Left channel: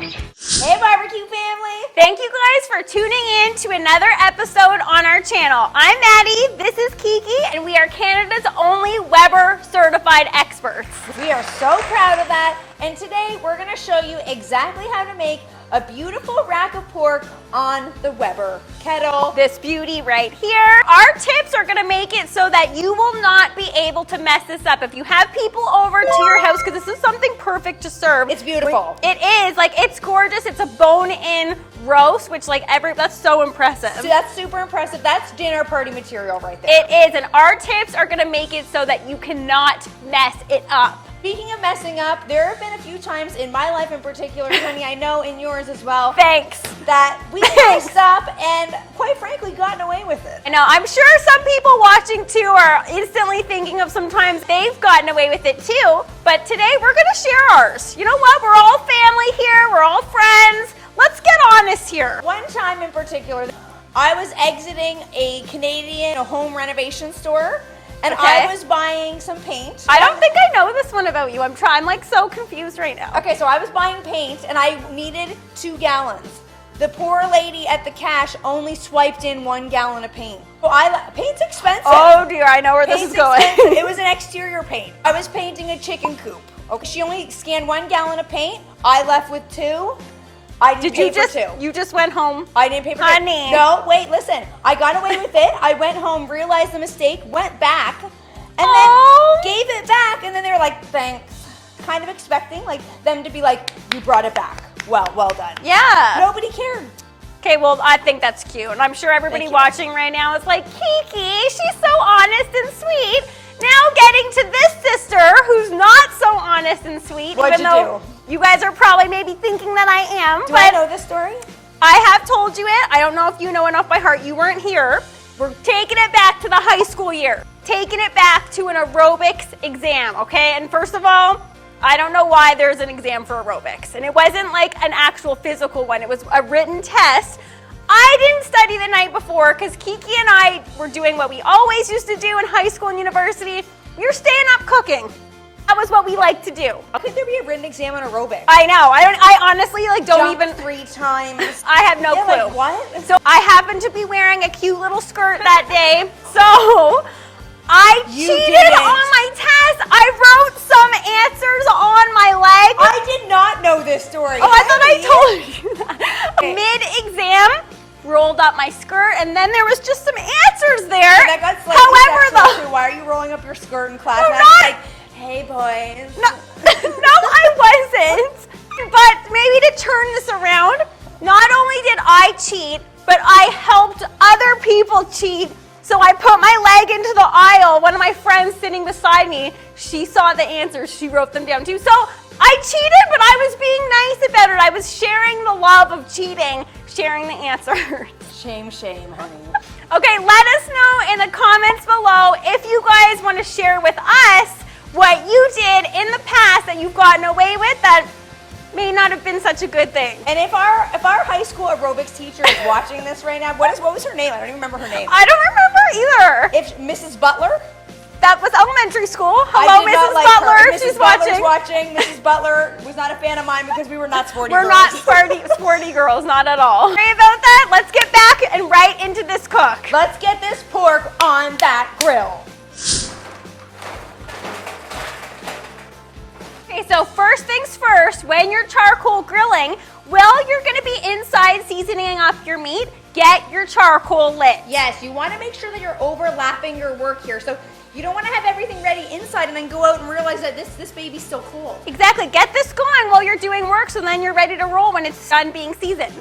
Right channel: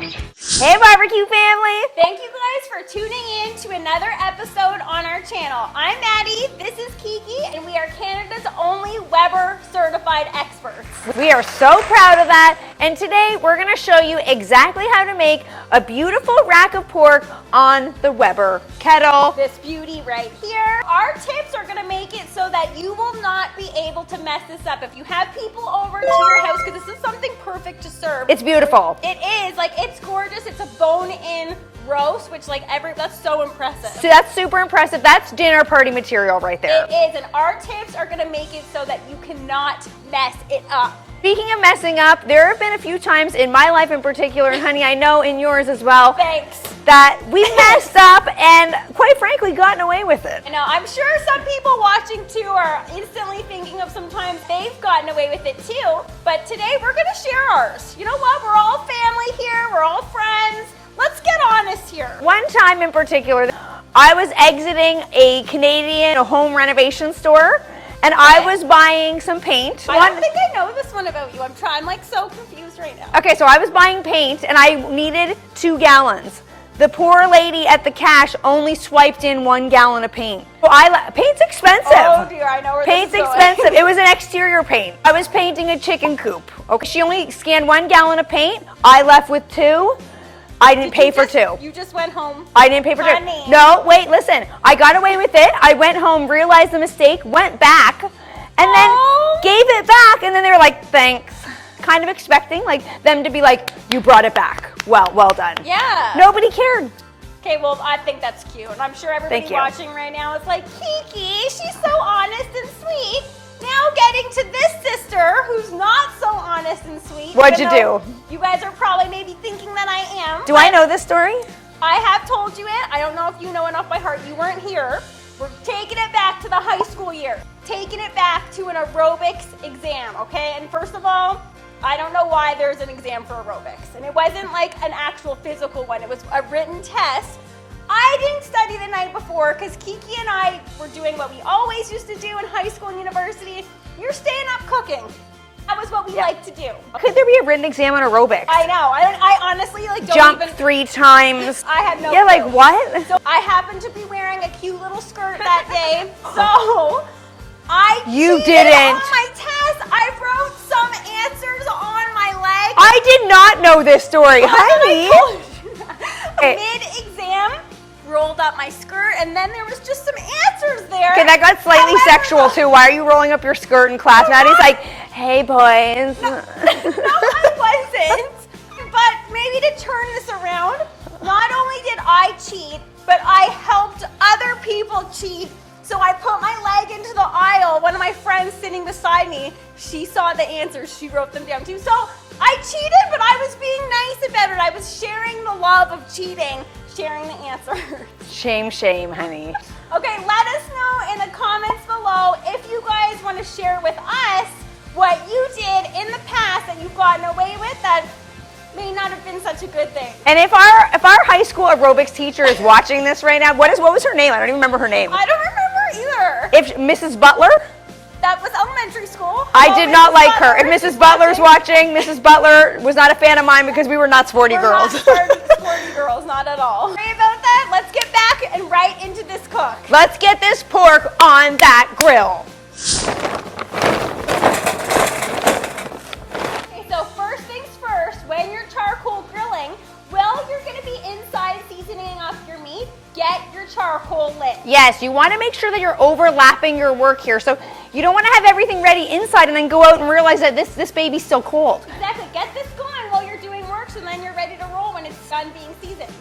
Hey barbecue family! Thank you guys for tuning in to another episode on our channel. I'm Maddie, this is Kiki, and we are Canada's only Weber certified experts. We are so proud of that, and today we're going to show you exactly how to make a beautiful rack of pork on the Weber Kettle. This beauty right here. Our tips are going to make it so that you will not be able to mess this up. If you have people over to your house, because this is something perfect to serve. It's beautiful. It is, like, it's gorgeous. It's a bone-in roast, which that's so impressive. So that's super impressive. That's dinner party material right there. It is, and our tips are gonna make it so that you cannot mess it up. Speaking of messing up, there have been a few times in my life in particular, and honey, I know in yours as well. Thanks. That we messed up and quite frankly gotten away with it. I know, I'm sure some people watching too are instantly thinking of sometimes they've gotten away with it too, but today we're gonna share ours. You know what, we're all family here, we're all friends. Let's get honest here. One time in particular, I was exiting a Canadian home renovation store. And okay. I was buying some paint. I don't think I know this one about you. I'm like so confused right now. Okay, so I was buying paint and I needed 2 gallons. The poor lady at the cash only swiped in 1 gallon of paint. So paint's expensive. Oh dear, I know where this is going. Paint's expensive. It was an exterior paint. I was painting a chicken coop. Okay, she only scanned 1 gallon of paint. I left with 2. I didn't pay for 2. You just went home? I didn't pay for 2. No, wait, listen. I got away with it. I went home, realized the mistake, went back, and then gave it back, and then they were like, thanks. Kind of expecting them to be like, you brought it back. Well done. Yeah. Nobody cared. Okay, well, I think that's cute. And I'm sure everybody watching right now is like, Kiki, she's so honest and sweet. Now getting to this sister who's not so honest and sweet. What'd you do? You guys are probably maybe thinking that I am. Do I know this story? I have told you it. I don't know if you know enough by heart. You weren't here. We're taking it back to the high school year. Taking it back to an aerobics exam, okay? And first of all, I don't know why there's an exam for aerobics. And it wasn't like an actual physical one. It was a written test. I didn't study the night before because Kiki and I were doing what we always used to do in high school and university. You're staying up cooking. That was what we like to do. Could there be a written exam on aerobics? I know. I honestly don't Jump even 3 times. I have no clue. Like what? So I happened to be wearing a cute little skirt that day. So I cheated on my test. I wrote some answers on my leg. I did not know this story. I told you that. Mid-exam, rolled up my skirt, and then there was just some answers there. So that got slightly sexual too. Why are you rolling up your skirt in class? Maddie's like, hey boys. No, I wasn't. But maybe to turn this around, not only did I cheat, but I helped other people cheat. So I put my leg into the aisle. One of my friends sitting beside me, she saw the answers. She wrote them down too. So I cheated, but I was being nice about it. I was sharing the love of cheating, sharing the answers. Shame, honey. Okay, let us know in the comments below if you guys want to share with us what you did in the past that you've gotten away with that may not have been such a good thing. And if our high school aerobics teacher is watching this right now, what was her name? I don't even remember her name. I don't remember either. If Mrs. Butler? That was elementary school. Hello, I did not like her. If Mrs. Butler's watching, Mrs. Butler was not a fan of mine because we were not sporty girls. We're not sporty girls, not at all. Sorry about that. Let's get back and right into this cook. Let's get this pork on that grill. Okay, so first things first, when you're charcoal grilling, while you're gonna be inside seasoning up your meat, get your charcoal lit. Yes, you wanna make sure that you're overlapping your work here. So you don't wanna have everything ready inside and then go out and realize that this baby's still cold. Exactly, get this going while you're doing work so then you're ready to roll when it's done being seasoned.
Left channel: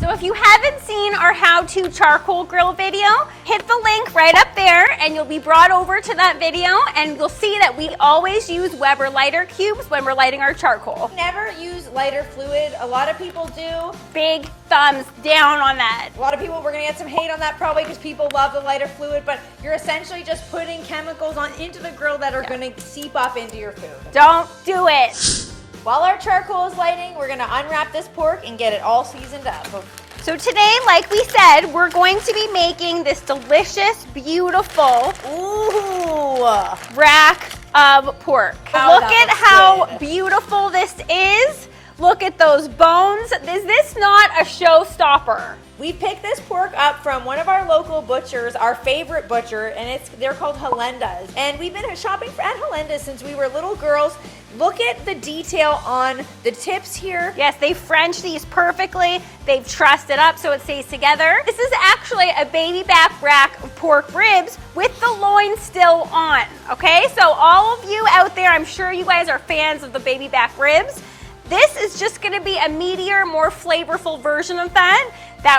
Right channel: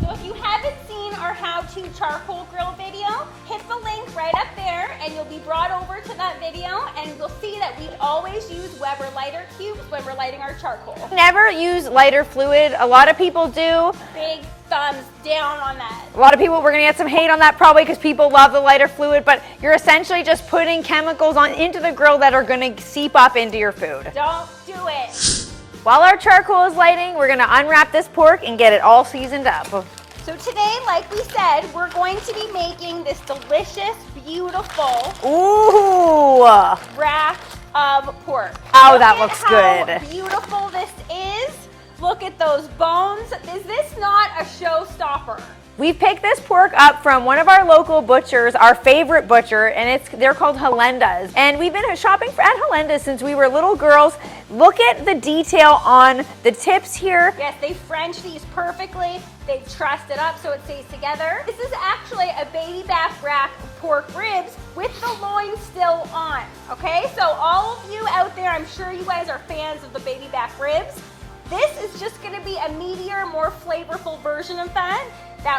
So if you haven't seen our how-to charcoal grill video, hit the link right up there and you'll be brought over to that video and you'll see that we always use Weber lighter cubes when we're lighting our charcoal. Never use lighter fluid. A lot of people do. Big thumbs down on that. A lot of people, we're gonna get some hate on that probably because people love the lighter fluid, but you're essentially just putting chemicals into the grill that are gonna seep up into your food. Don't do it. While our charcoal is lighting, we're gonna unwrap this pork and get it all seasoned up. So today, like we said, we're going to be making this delicious, beautiful rack of pork. Oh, Look that at looks how good. beautiful this is. Look at those bones. Is this not a showstopper? We picked this pork up from one of our local butchers, our favorite butcher, and they're called Helenda's. And we've been shopping at Helenda's since we were little girls. Look at the detail on the tips here. Yes, they French these perfectly. They've trussed it up so it stays together. This is actually a baby back rack of pork ribs with the loin still on, okay? So all of you out there, I'm sure you guys are fans of the baby back ribs. This is just gonna be a meatier, more flavorful version of that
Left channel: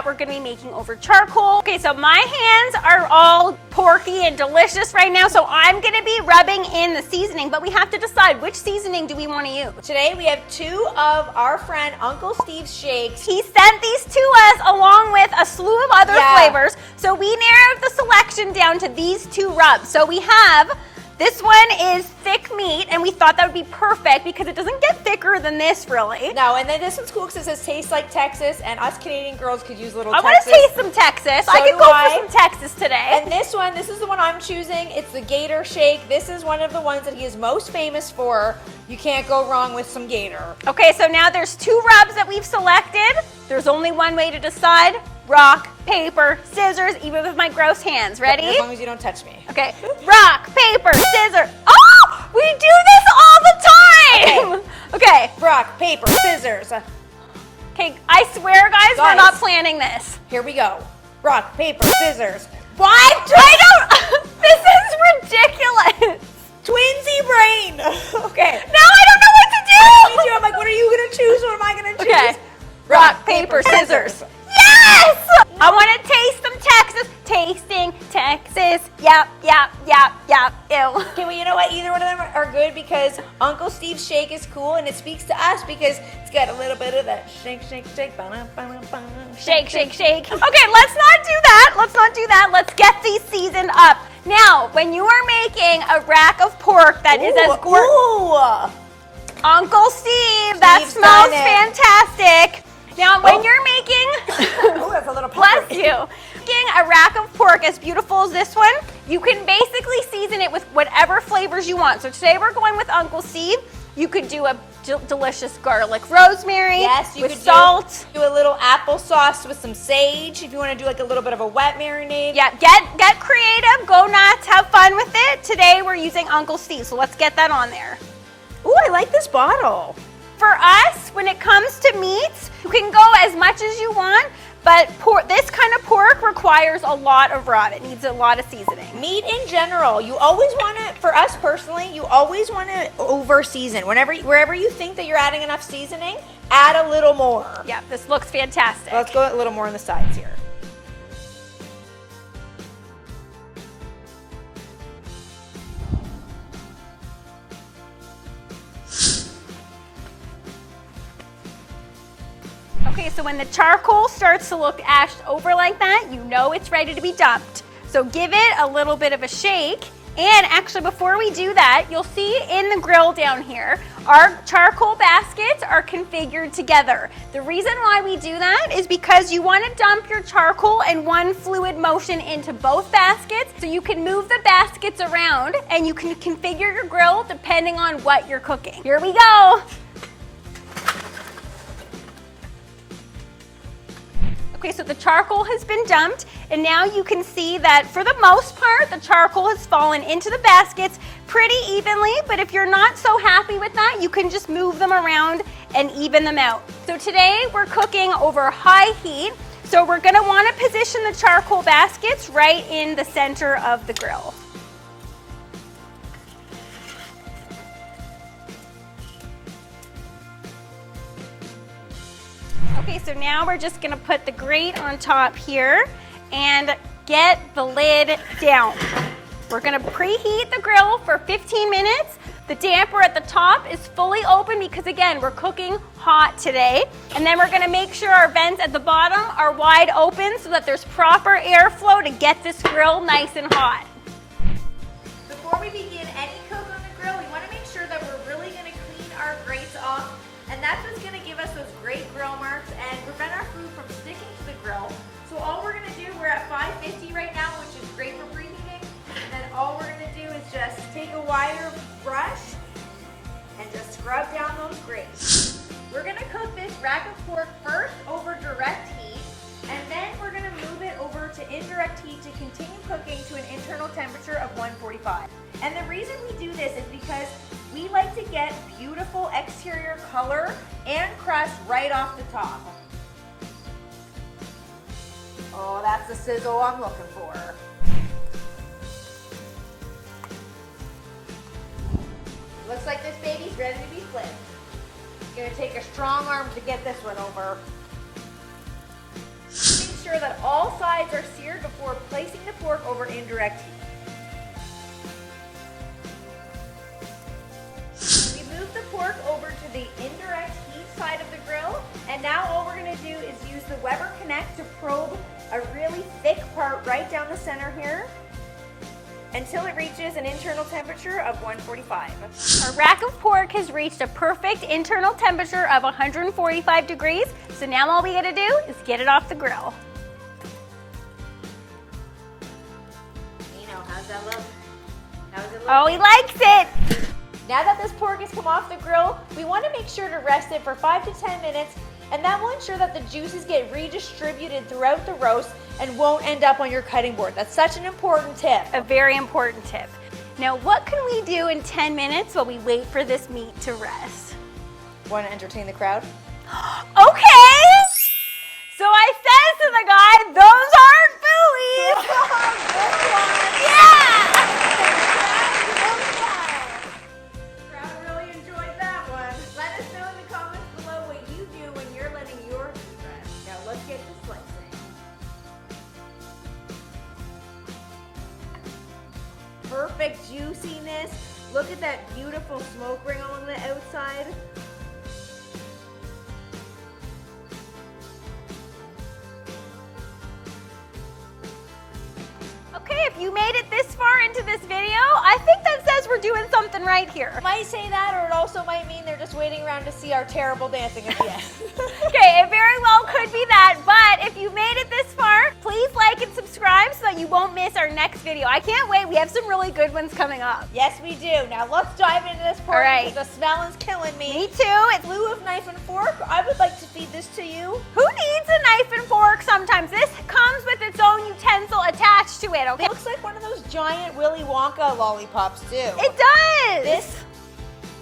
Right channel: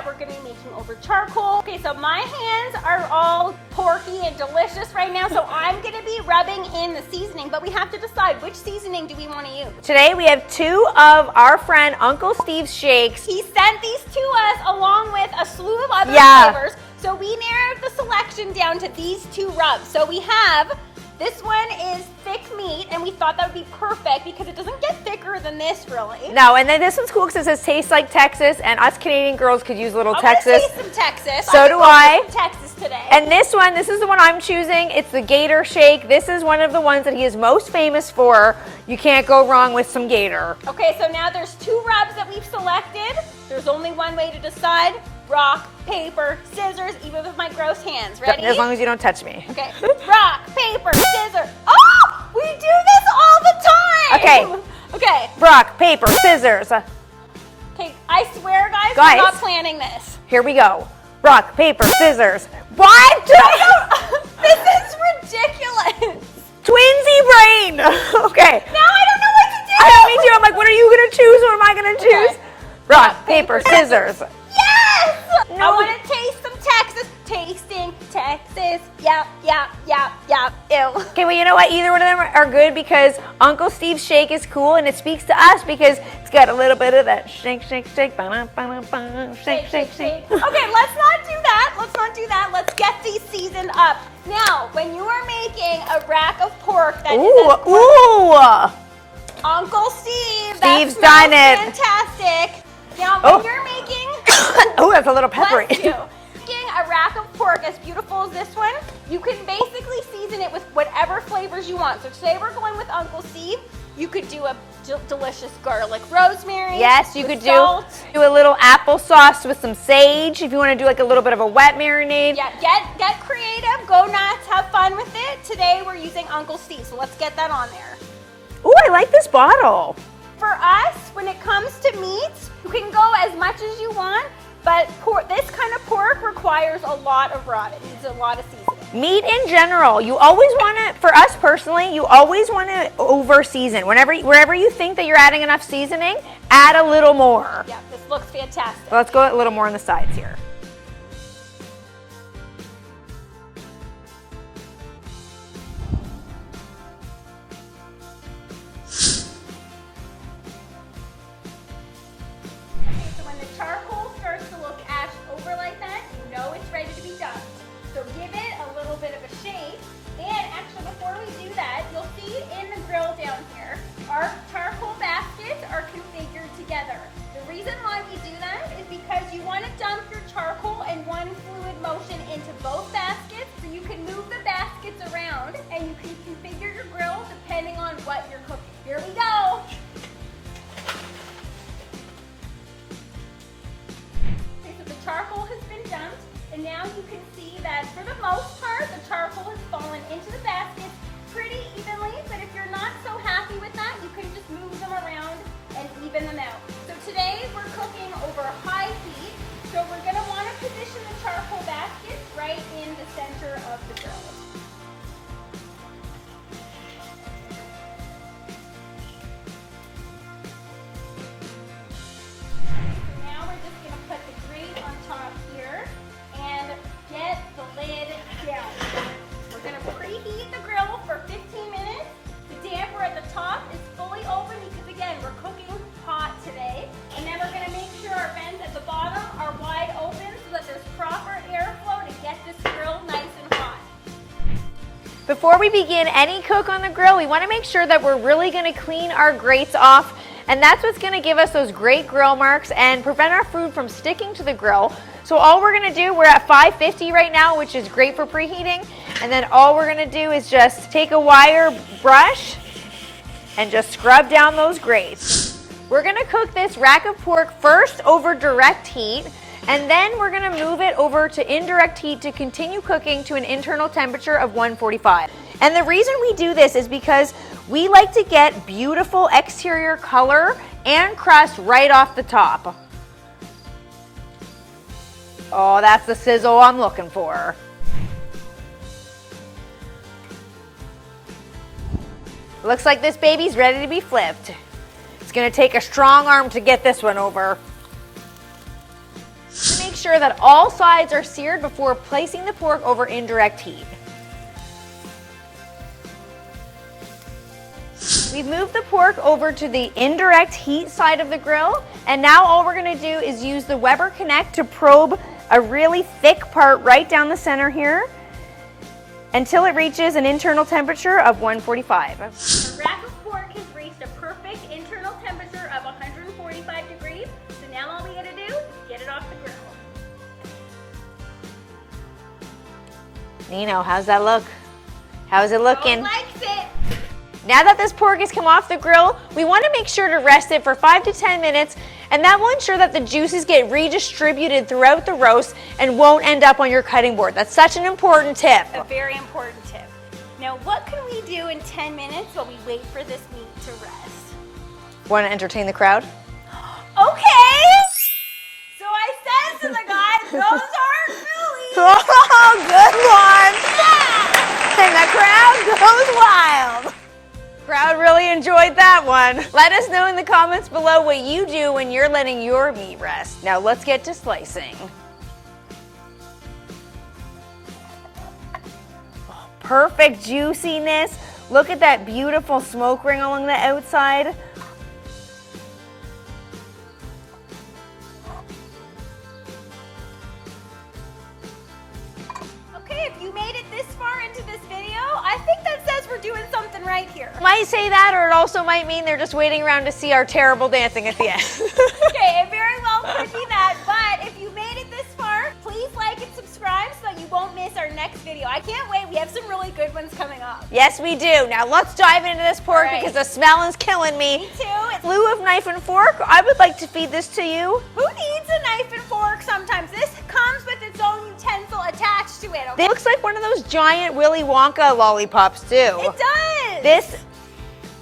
we're gonna be making over charcoal. Okay, so my hands are all porky and delicious right now, so I'm gonna be rubbing in the seasoning, but we have to decide which seasoning do we wanna use. Today we have 2 of our friend Uncle Steve's shakes. He sent these to us along with a slew of other flavors, so we narrowed the selection down to these 2 rubs. So we have, this one is thick meat, and we thought that would be perfect because it doesn't get thicker than this, really. No, and then this one's cool because it says tastes like Texas, and us Canadian girls could use a little Texas. I'm gonna taste some Texas. So I do can go I. for some Texas today. And this one, this is the one I'm choosing. It's the Gator Shake. This is one of the ones that he is most famous for. You can't go wrong with some Gator. Okay, so now there's 2 rubs that we've selected. There's only one way to decide. Rock, paper, scissors, even with my gross hands. Ready? As long as you don't touch me. Okay. Rock, paper, scissors. Oh! We do this all the time! Okay. Okay. Rock, paper, scissors. Okay, I swear, guys, we're not planning this. Here we go. Rock, paper, scissors. What? I don't... This is ridiculous. Twinsy brain. Okay. Now I don't know what to do. Me too. I'm like, what are you going to choose? What am I going to choose? Okay. Rock, paper, scissors. Yes! No. I want to taste some Texas. Tasting Texas. Yep, yep, yep, yep. Ew. Okay, well, you know what? Either one of them are good because Uncle Steve's shake is cool and it speaks to us because it's got a little bit of that shake, shake, shake, Shake, shake, shake. Okay, let's not do that. Let's not do that. Let's get these seasoned up. Now, when you are making a rack of pork that is as gorgeous, Uncle Steve, that Steve's smells done it. fantastic. Now, when you're making, oh, that's a little peppery. bless you, making a rack of pork as beautiful as this one, you can basically season it with whatever flavors you want. So today we're going with Uncle Steve. You could do a delicious garlic rosemary. Yes, you with could salt. do a little applesauce with some sage if you want to do like a little bit of a wet marinade. Yeah, get creative, go nuts, have fun with it. Today we're using Uncle Steve, so let's get that on there. Ooh, I like this bottle. For us, when it comes to meats, you can go as much as you want, but this kind of pork requires a lot of rub. It needs a lot of seasoning. Meat in general, you always want to, for us personally, you always want to over season. Wherever you think that you're adding enough seasoning, add a little more. Yeah, this looks fantastic. So let's go a little more on the sides here. Okay, so when the charcoal starts to look ashed over like that, you know it's ready to be dumped. So give it a little bit of a shake. And actually, before we do that, you'll see in the grill down here, our charcoal baskets are configured together. The reason why we do that is because you want to dump your charcoal in one fluid motion into both baskets, so you can move the baskets around and you can configure your grill depending on what you're cooking. Here we go. Okay, so the charcoal has been dumped, and now you can see that for the most part, the charcoal has fallen into the baskets pretty evenly, but if you're not so happy with that, you can just move them around and even them out. So today we're cooking over high heat, so we're gonna wanna position the charcoal baskets right in the center of the grill. So now we're just gonna put the grate on top here and get the lid down. We're gonna preheat the grill for 15 minutes. The damper at the top is fully open because again, we're cooking hot today. And then we're gonna make sure our vents at the bottom are wide open so that there's proper airflow to get this grill nice and hot. Before we begin any cook on the grill, we want to make sure that we're really going to clean our grates off And that's what's gonna give us those great grill marks and prevent our food from sticking to the grill. So all we're gonna do, we're at 550 right now, which is great for preheating. And then all we're gonna do is just take a wire brush and just scrub down those grates. We're gonna cook this rack of pork first over direct heat, and then we're gonna move it over to indirect heat to continue cooking to an internal temperature of 145. And the reason we do this is because we like to get beautiful exterior color and crust right off the top. Oh, that's the sizzle I'm looking for. Looks like this baby's ready to be flipped. It's gonna take a strong arm to get this one over. Make sure that all sides are seared before placing the pork over indirect heat. We've moved the pork over to the indirect heat side of the grill, and now all we're gonna do is use the Weber Connect to probe a really thick part right down the center here until it reaches an internal temperature of 145. Our rack of pork has reached a perfect internal temperature of 145 degrees, so now all we gotta do is get it off the grill. Nino, how's that look? How's it Oh, looking? he likes it! Now that this pork has come off the grill, we want to make sure to rest it for 5 to 10 minutes, and that will ensure that the juices get redistributed throughout the roast and won't end up on your cutting board. That's such an important tip. A very important tip. Now, what can we do in 10 minutes while we wait for this meat to rest? Want to entertain the crowd? Okay! So I says to the guy, those aren't buoys! Oh, good one! Yeah! And the crowd goes wild. Crowd really enjoyed that one. Let us know in the comments below what you do when you're letting your meat rest. Now let's get to slicing. Perfect juiciness. Look at that beautiful smoke ring along the outside. Okay, if you made it this far into this video, I think that says we're doing something right here. Might say that, or it also might mean they're just waiting around to see our terrible dancing at the end. Okay, it very well could be that, but if you made it this far, please like and subscribe so that you won't miss our next video. I can't wait, we have some really good ones coming up. Yes, we do. Now let's dive into this pork All right. because the smell is killing me. Me too. In lieu of knife and fork, I would like to feed this to you. Who needs a knife and fork sometimes? This comes with its own utensil attached to it, okay? It looks like one of those giant Willy Wonka lollipops too. It does! This,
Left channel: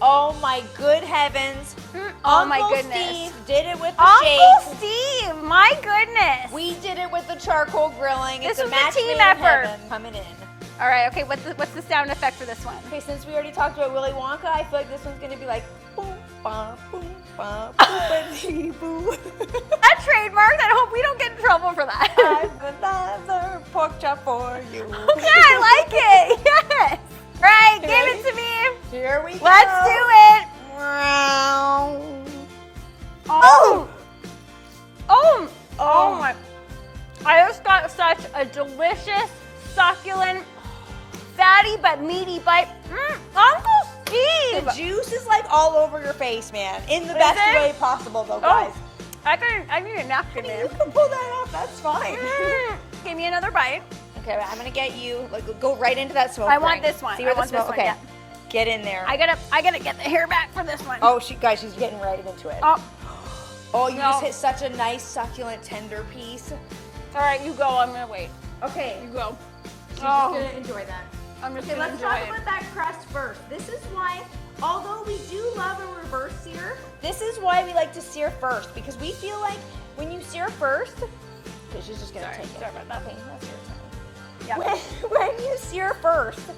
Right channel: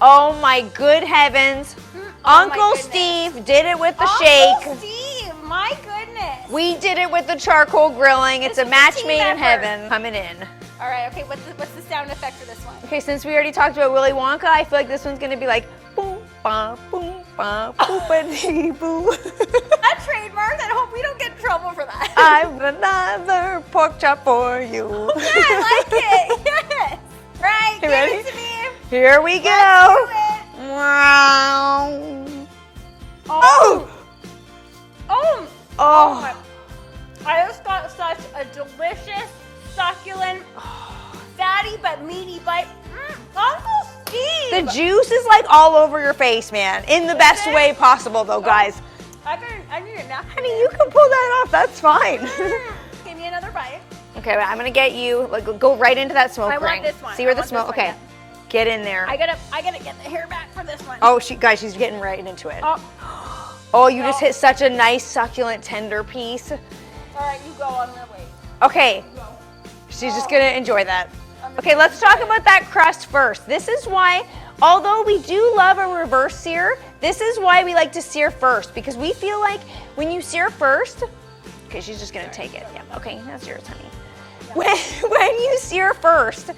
oh my good heavens. Oh my Uncle goodness. Steve did it with the Uncle shake. Steve, my goodness. We did it with the charcoal grilling. It's This a was a match team made in effort. heaven. Coming in. All right, okay, what's the sound effect for this one? Okay, since we already talked about Willy Wonka, I feel like this one's gonna be like boom, ba, boom, ba, boopity, boo. That's trademarked. I hope we don't get in trouble for that. I've another pork chop for you. Yeah, I like it. Yes. Right, You give ready? it to me. Here we go. Let's do it. Wow. Oh. Oh. Oh. my. I just got such a delicious, succulent, fatty but meaty bite. Uncle Steve. The juice is like all over your face, man. In the best it? way possible, though, guys. I need a napkin. Honey, you can pull that off. That's fine. Give me another bite. Okay, but I'm gonna get you. Like, go right into that smoke I ring. want this one. See where I the want smoke? this one, Okay, yeah. get in there. I gotta get the hair back for this one. Oh, guys, she's getting right into it. Oh. Oh, you No. just hit such a nice, succulent, tender piece. All right, you go. I'm gonna wait. Okay, You go. she's just gonna enjoy that. I'm just Okay, gonna let's talk enjoy it. about that crust first. This is why, although we do love a reverse sear, this is why we like to sear first, because we feel like when you sear first, okay, she's just gonna take it. Yeah, okay, that's yours, honey. Yeah. When you sear first,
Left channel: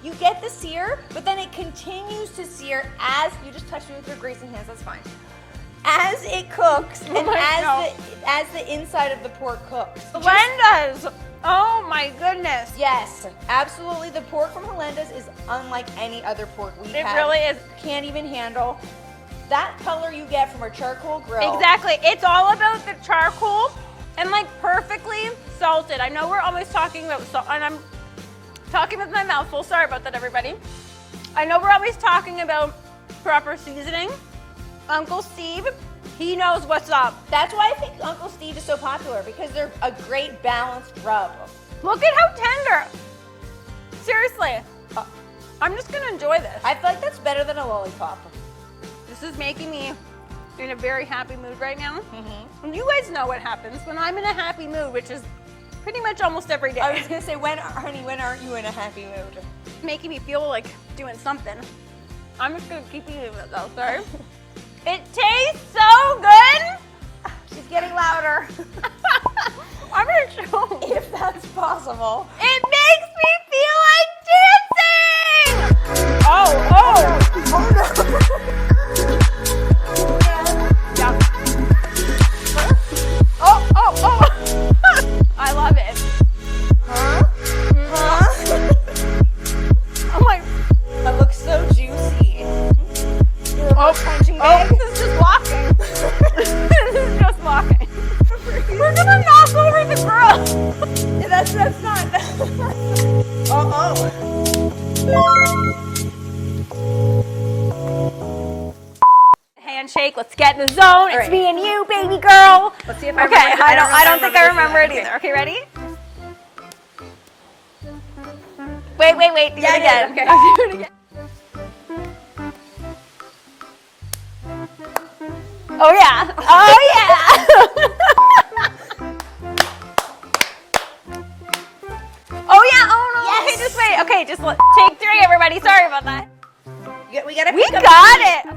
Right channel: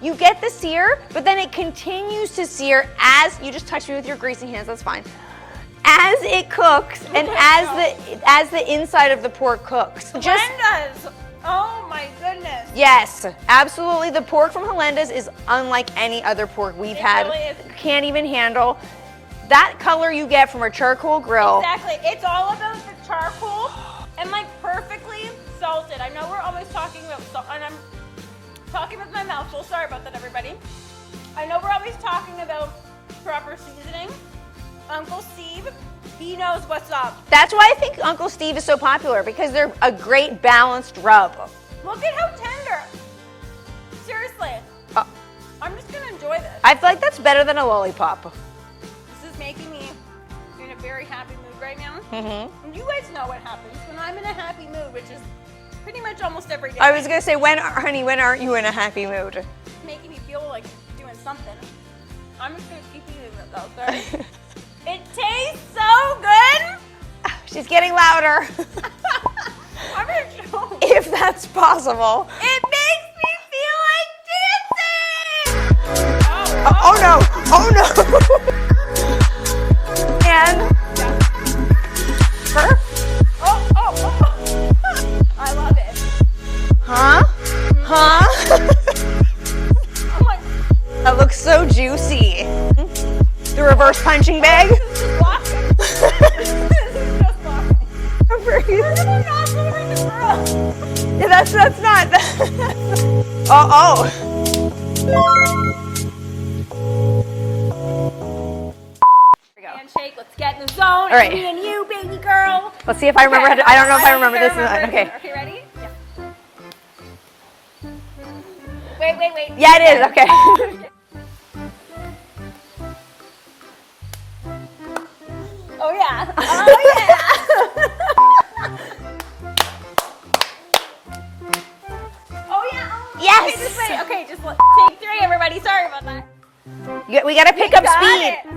you get the sear, but then it continues to sear as, you just touch me with your greasy hands, that's fine. As it cooks and as the inside of the pork cooks. Helenda's. Oh my goodness. Yes, absolutely. The pork from Helenda's is unlike any other pork we've had. It really is. Can't even handle that color you get from a charcoal grill. Exactly. It's all about the charcoal and like perfectly salted. I know we're always talking about salt, and I'm talking with my mouth full. Sorry about that, everybody. I know we're always talking about proper seasoning, Uncle Steve, he knows what's up. That's why I think Uncle Steve is so popular, because they're a great balanced rub. Look at how tender. Seriously. I'm just gonna enjoy this. I feel like that's better than a lollipop. This is making me in a very happy mood right now. Mm-hmm. And you guys know what happens when I'm in a happy mood, which is pretty much almost every day. I was gonna say, honey, when aren't you in a happy mood? It's making me feel like doing something. I'm just gonna keep eating this, okay? It tastes so good! She's getting louder. I'm gonna show. If that's possible. It makes me feel like dancing! Oh no! Oh no! And I love it. huh? Oh my. That looks so juicy. The reverse punching bag. This is just walking. This is just walking. We're gonna knock over the grill. Yeah, that's not. Handshake. Let's get in the zone. right. It's me and you, baby girl. Let's see if I remember. I don't know if I remember think this. I remember it either. Okay, ready? Wait. Yeah, it is. Okay. Oh yeah. Oh yeah. Oh yeah. Oh no. Yes. Okay, just wait. Okay, just take 3, everybody. Sorry about that. We gotta pick up got speed. it.